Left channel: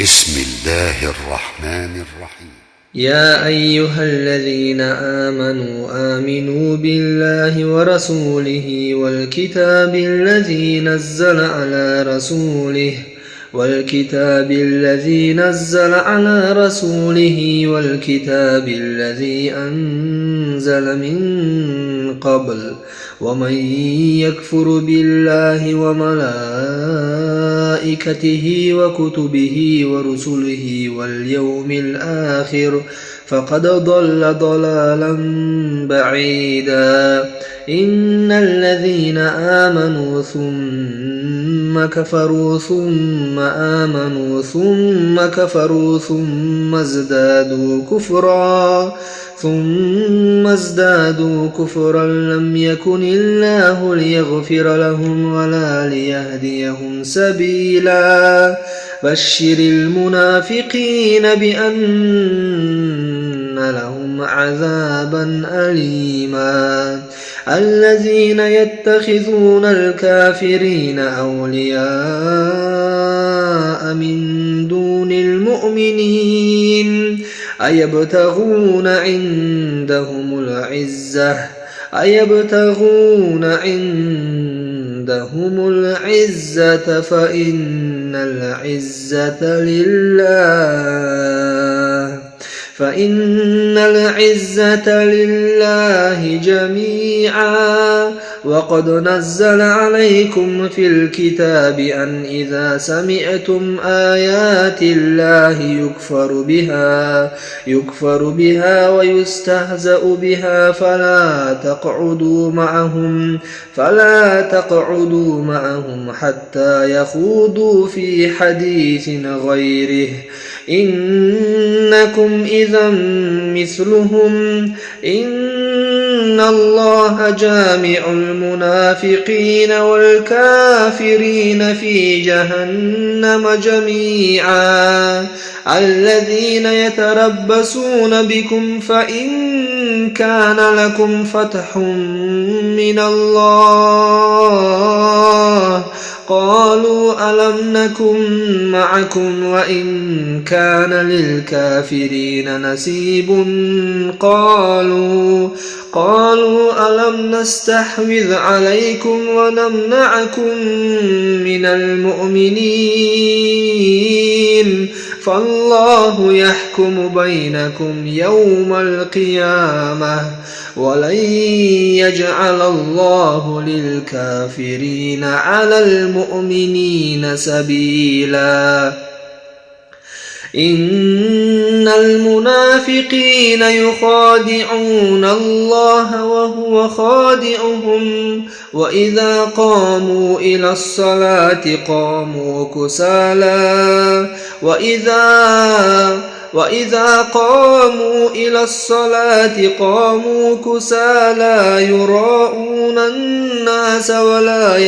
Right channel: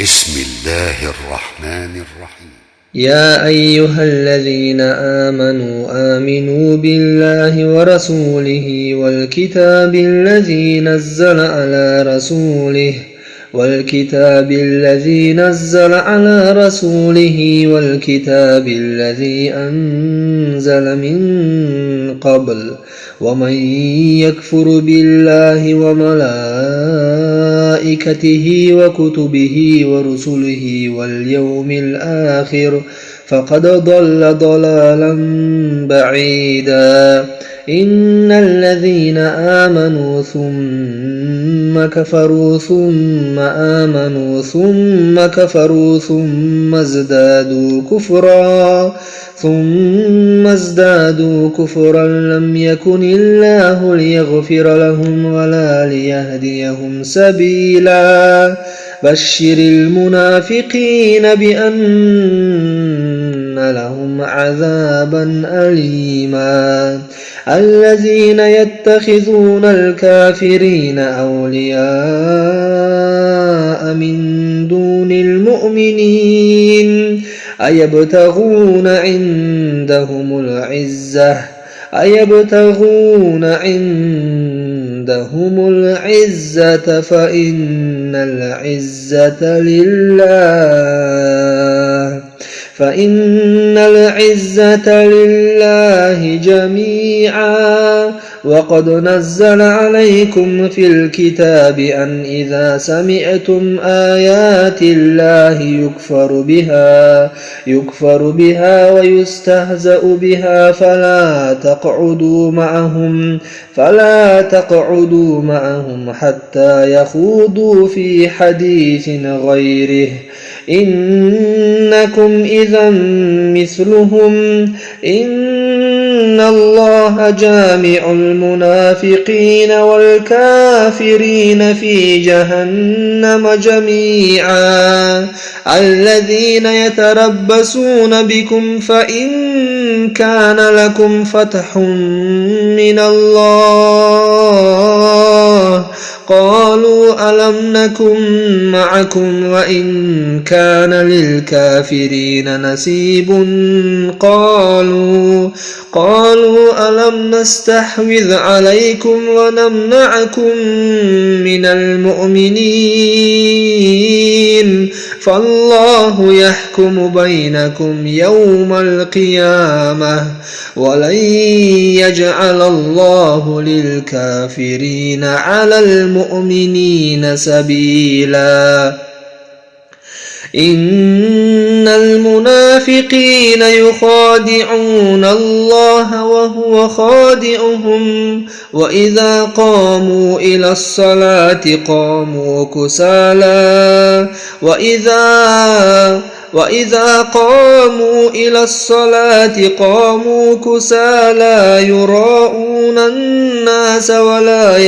بسم الله الرحمن الرحيم. يا أيها الذين آمنوا بالله ورسوله والكتاب الذي نزل على رسوله والكتاب الذي أنزل من قبل ومن يكفر بالله وملائكته وكتبه ورسله واليوم الآخر فقد ضل ضلالا بعيدا. إن الذين آمنوا ثم كفروا ثم آمنوا ثم كفروا ثم ازدادوا كفرا لم يكن الله ليغفر لهم ولا ليهديهم سبيلا. بشر المنافقين بأن لهم عذابا أليما. الذين يتخذون الكافرين أولياء من دون المؤمنين أيبتغون عندهم العزة فإن العزة لله جميعا. وقد نزل عليكم في الكتاب أن إذا سمعتم آيات الله يكفر بها ويستهزأ بها فلا تقعدوا معهم حتى يخوضوا في حديث غيره إنكم إذا مثلهم. إن الله جامع المنافقين والكافرين في جهنم جميعا. الذين يتربصون بكم فإن كان لكم فتح من الله قالوا ألم نكن معكم وإن كان للكافرين نصيب قالوا ألم نستحوذ عليكم ونمنعكم من المؤمنين فالله يحكم بينكم يوم القيامة ولن يجعل الله للكافرين على المؤمنين سبيلا. إن المنافقين يخادعون الله وهو خادعهم وإذا قاموا إلى الصلاة قاموا كسالى وإذا قاموا إلى الصلاة قاموا كسالى يراءون الناس ولا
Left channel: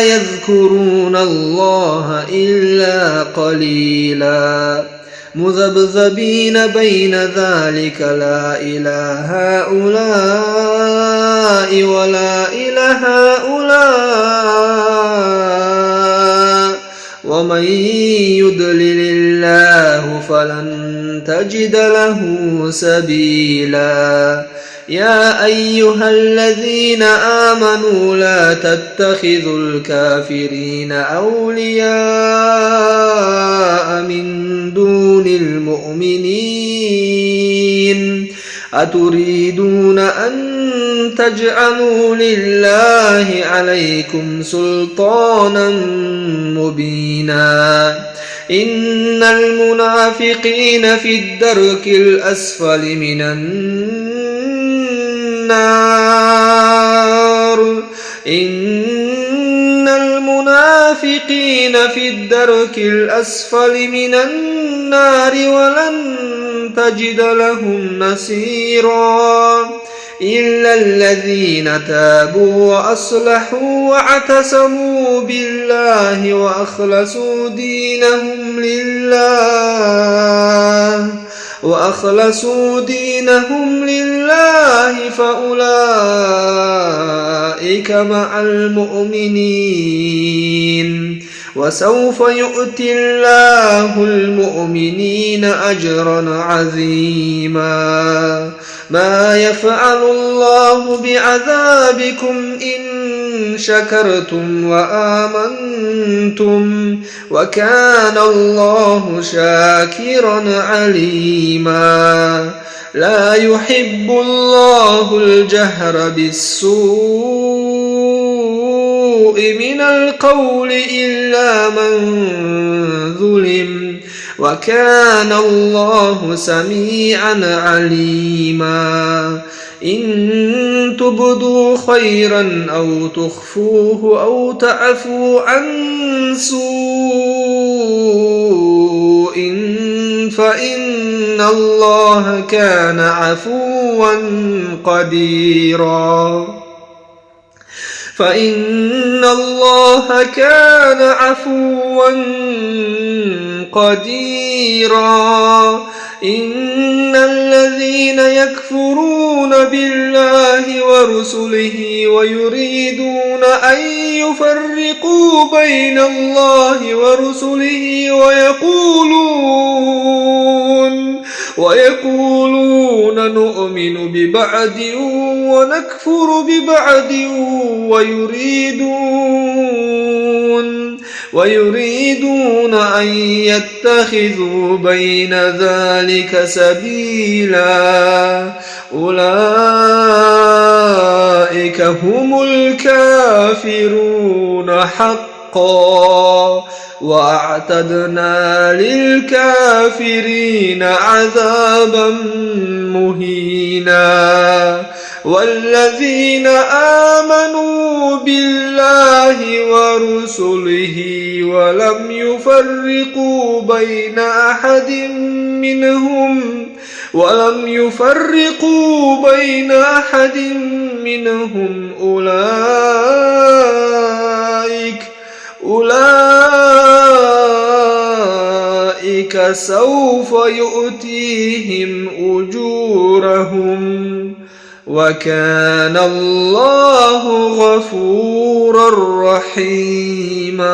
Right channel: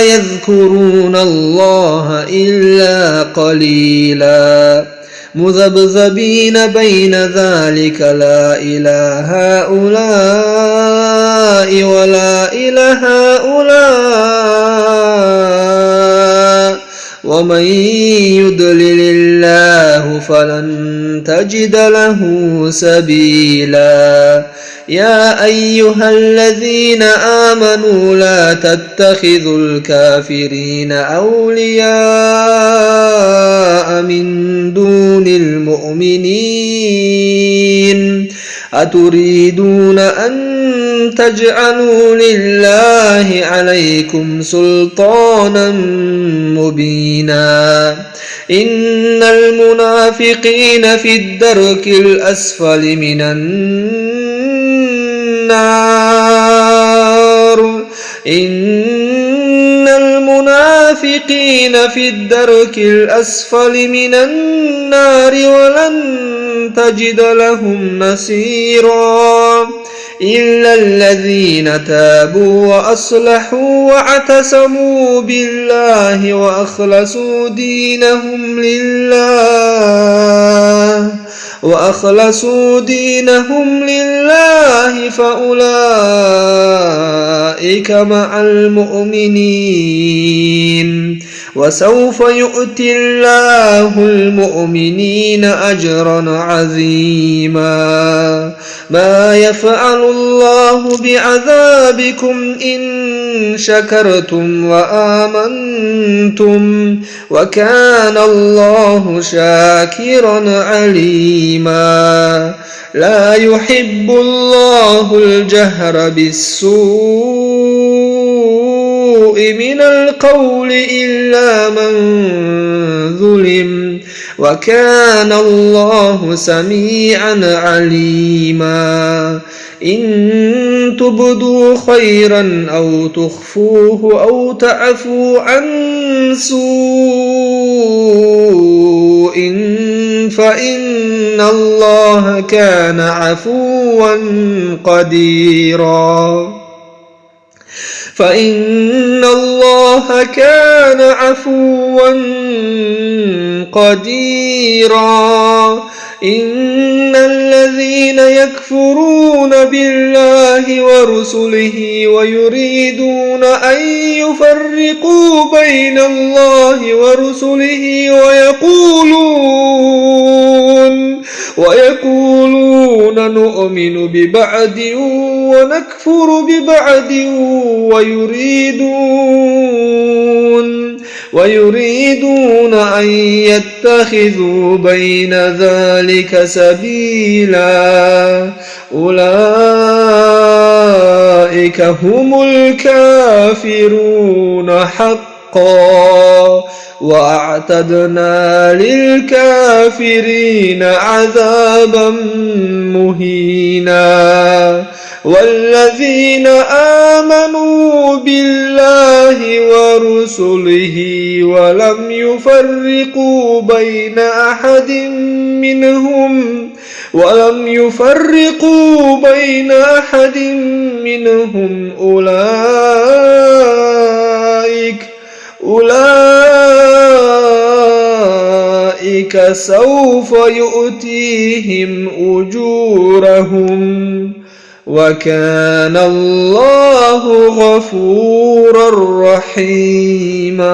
يذكرون الله إلا قليلا. مذبذبين بين ذلك لا إلى هؤلاء ولا إلى هؤلاء ومن يضلل الله فلن تجد له سبيلا. يا أيها الذين آمنوا لا تتخذوا الكافرين أولياء من دون المؤمنين أتريدون أن تجعلوا لله عليكم سلطانا مبينا. إن المنافقين في الدرك الأسفل من النار إن المنافقين في الدرك الأسفل من النار ولن تجد لهم نصيرا. إلا الذين تابوا وأصلحوا واعتصموا بالله وأخلصوا دينهم لله وأخلصوا دينهم لله فأولئك مع المؤمنين وسوف يؤتي الله المؤمنين أجرا عظيما ما يفعل الله بعذابكم إن شكرتم وآمنتم وكان الله شاكرا عليما لا يحب الله الجهر بالسوء من القول إلا من ظلم وكان الله سميعا عليما إن تبدوا خيرا أو تخفوه أو تعفوا عن سوء فإن الله كان عفوا قديرا فإن الله كان عفوا قديرا إن الذين يكفرون بالله ورسله ويريدون أن يفرقوا بين الله ورسله ويقولون نؤمن ببعض ونكفر ببعض ويريدون أن يتخذوا بين ذلك سبيلا أولئك هم الكافرون حقا وأعتدنا للكافرين عذابا مهينا والذين آمنوا بالله ورسله ولم يفرقوا بين أحد منهم أولئك سوف يؤتيهم أجورهم وكان الله غفورا رحيما.